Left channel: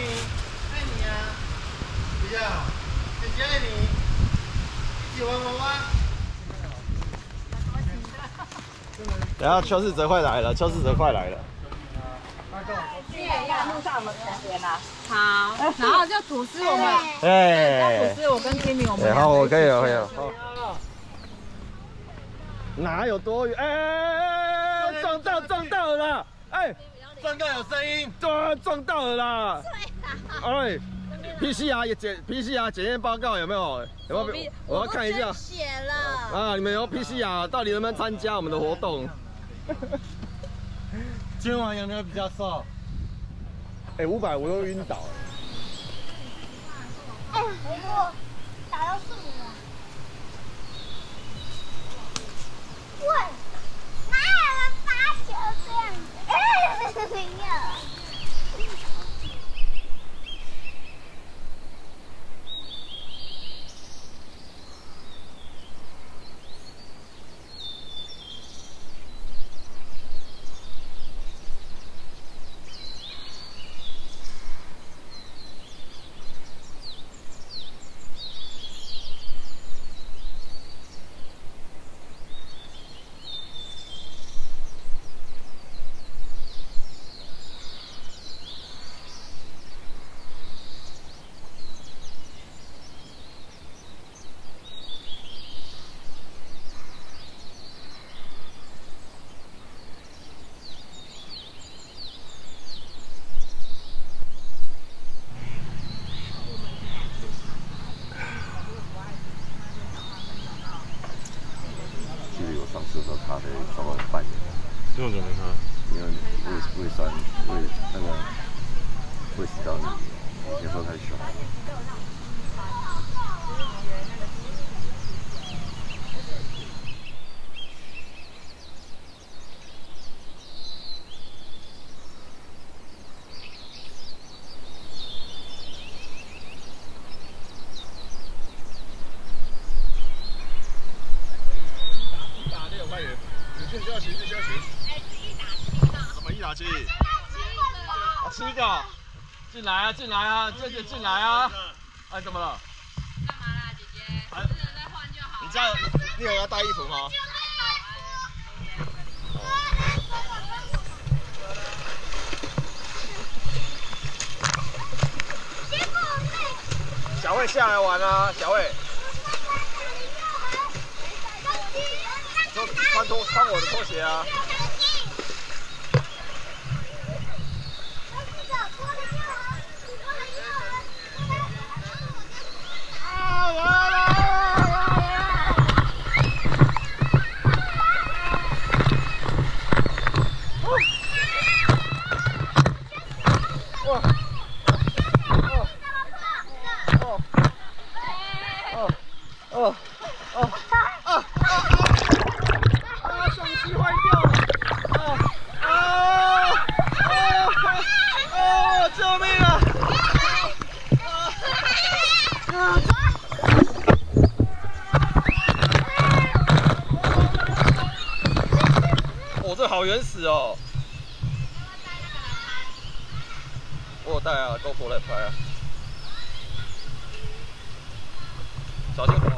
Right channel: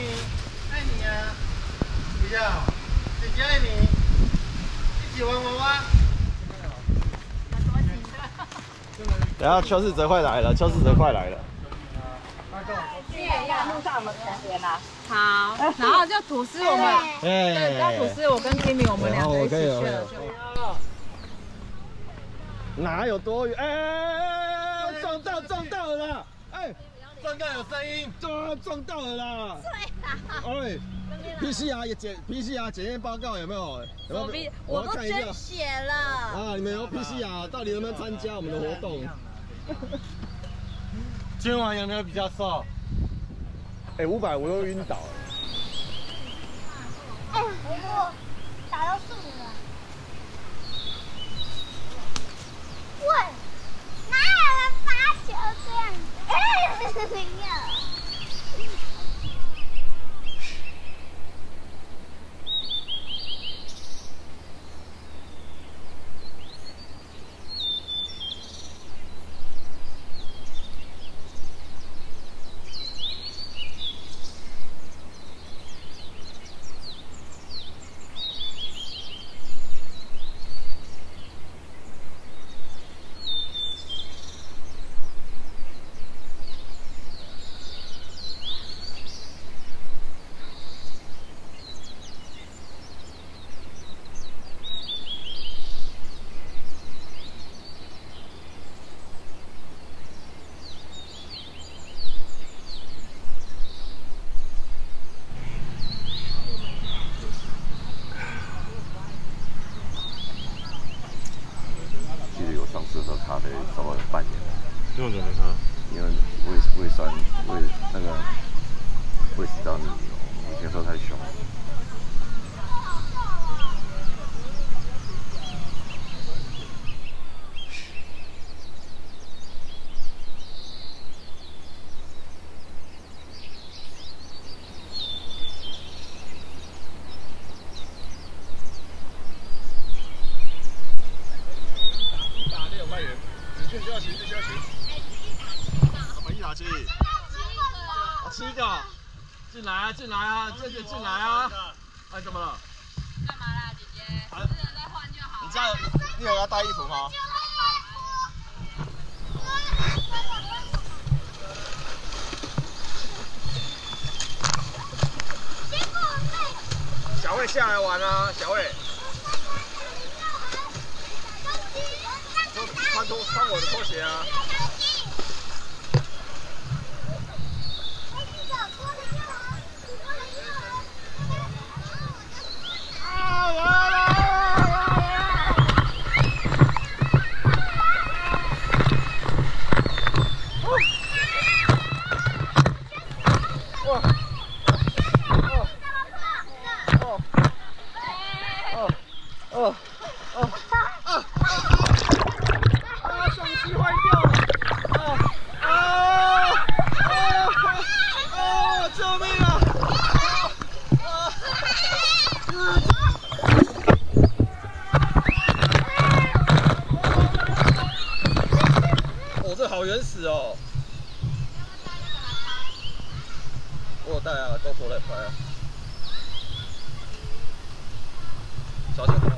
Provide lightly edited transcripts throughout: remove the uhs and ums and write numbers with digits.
你，爱你啊！不要，姐姐爱你，一起玩娃娃。等下邱世哲快来了，邱世哲快来了。路上我们同学啦。好，然后就吐司我们，哎，吐司我跟 Timmy 我们然后两个我可以了，可以了。了。哪有多远？哎，撞到了啦！哎，撞到有声音，撞到了啦！哎，PCR 检验报告有没有？有没有？我要看一下。血了。啊，你们有 PCR，到底能不能参加我们的活动？今晚有没有比较瘦？哎，500我都晕倒了。哎，我打到树了。喂，哪有人发球这样子？没有。记得我上次喝咖啡烧了半年，为什么没喝？因为胃酸那个胃食道逆流，我以前喝太凶了。7个，进来啊，进来啊，这就进来啊！哎，怎么了？干嘛啦，姐姐？私人再换就好。你有要带衣服吗？小慧下来玩啊，小慧。穿我的拖鞋啊！相机坏掉了！救命啊！这好原始哦！我有带啊，GoPro来拍啊。小心火！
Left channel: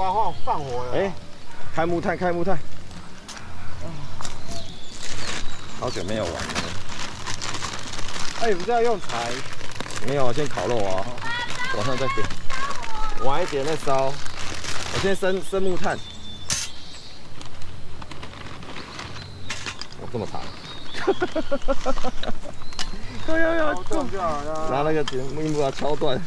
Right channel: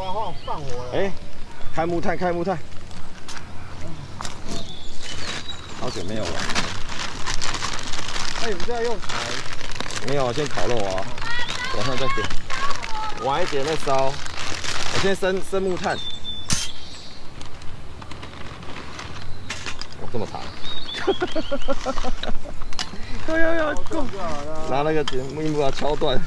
把它放火了。哎，开木炭，开木炭。好久没有玩。哎，你不是要用柴？没有，先烤肉啊，晚上再点，晚一点再烧。我先生木炭。哦，这么长。要够，拿那个木把它敲断。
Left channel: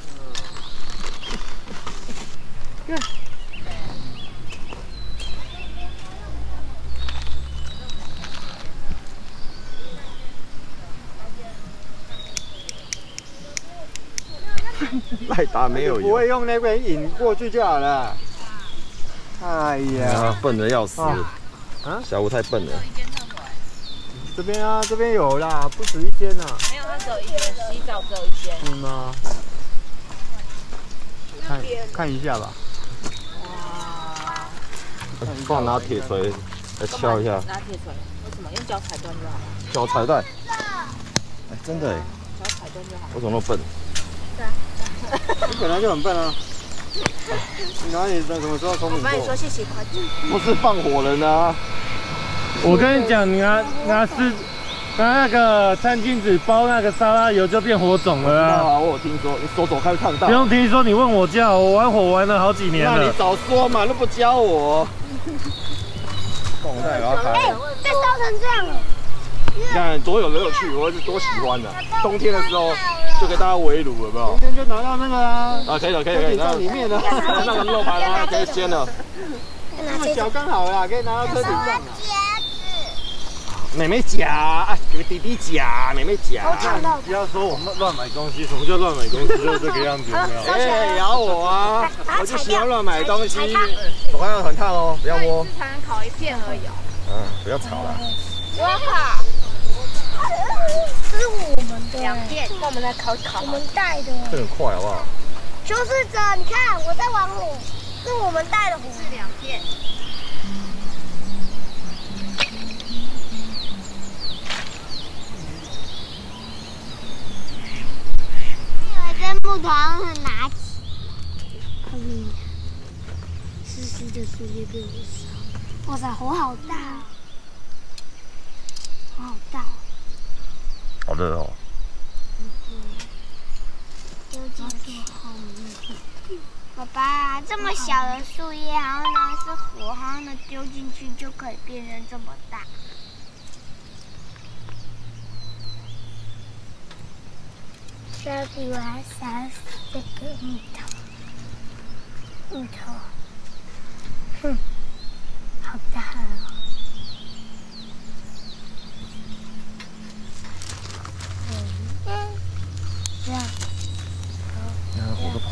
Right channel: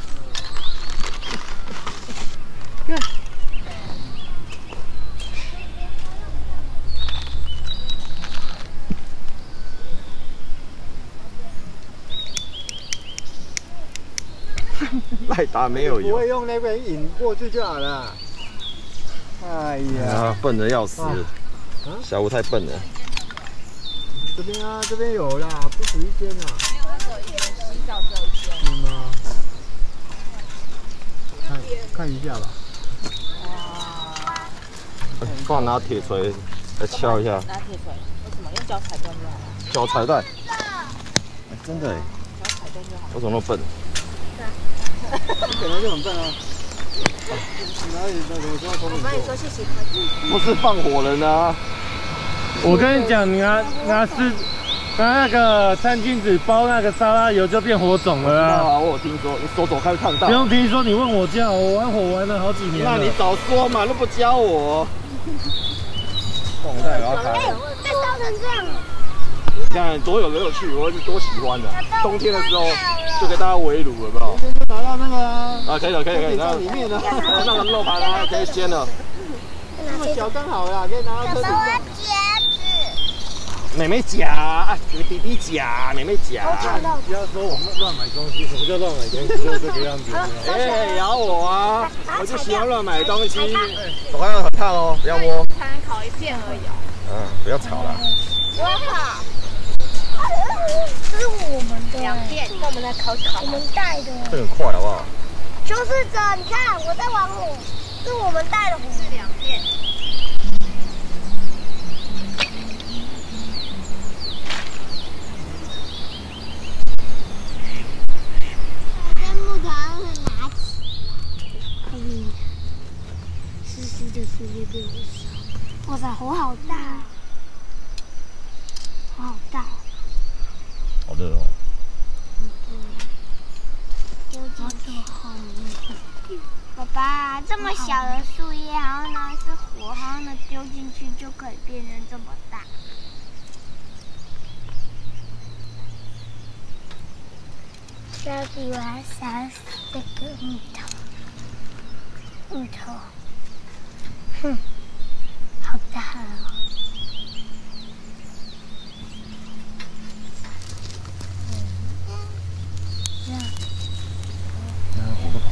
赖达没有油，不会用那边引过去就好了。哎呀，笨的要死！啊，小吴太笨了。这边啊，这边有啦，不止一间啊。没有，那只有一间洗澡只有一间。是吗？看一下吧。帮我拿铁锤来敲一下。拿铁锤？为什么？用脚踩断就好了。脚踩断？哎，真的哎。脚踩断就好。我怎么那么笨？你本来就很笨啊。哪里怎么说？我帮你说谢谢快递。不是放火人啊！我跟你讲，你拿那个餐巾纸包那个沙拉油就变火种了啊！我有听说，你手开会烫到。不用听说，你问我就好。我玩火玩了好几年了。那你早说嘛，都不教我。动态给它开。哎，被烧成这样了。你看多有乐趣，我是多喜欢的。冬天的时候就给大家围炉，有没有？冬天就拿到那个啊。啊，可以了，可以了，那里面的那个肉排啦，可以煎了。那么小刚好啦，可以拿到车顶上。妹妹夹，哎，给弟弟夹，妹妹夹。不要说我们乱买东西，什么叫乱买东西？就是这个样子。哎，咬我啊！我就喜欢乱买东西。手上很烫哦，不要摸。才能烤一片而已哦。嗯，不要吵了。我烤。这是我们的2片，那我们来烤。我们带的。这很快好不好？求是者，你看我在玩火，是我们带的火。是2片。这木头很拿起，后面湿湿的树叶被我烧。哇塞，火好大，火好大。好热哦。丢进去后面。爸爸，这么小的树叶，然后呢是火，然后呢丢进去就可以变成这么大。这比我还小这个木头，哼，好大哦。这样。那火都跑